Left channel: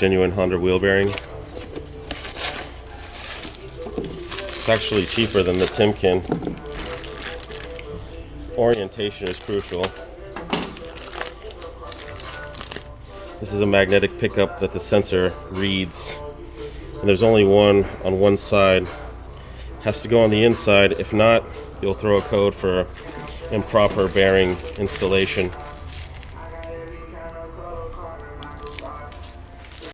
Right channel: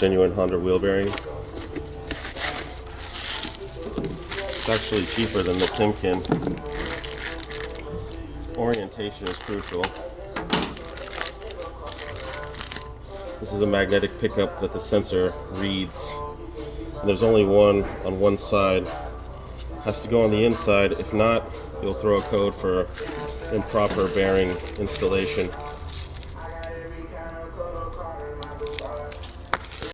genuine Honda wheel bearing. It's actually cheaper than the Timken. Orientation is crucial. This is a magnetic pickup that the sensor reads, and there's only one on one side. Has to go on the inside. If not, you'll throw a code for improper bearing installation.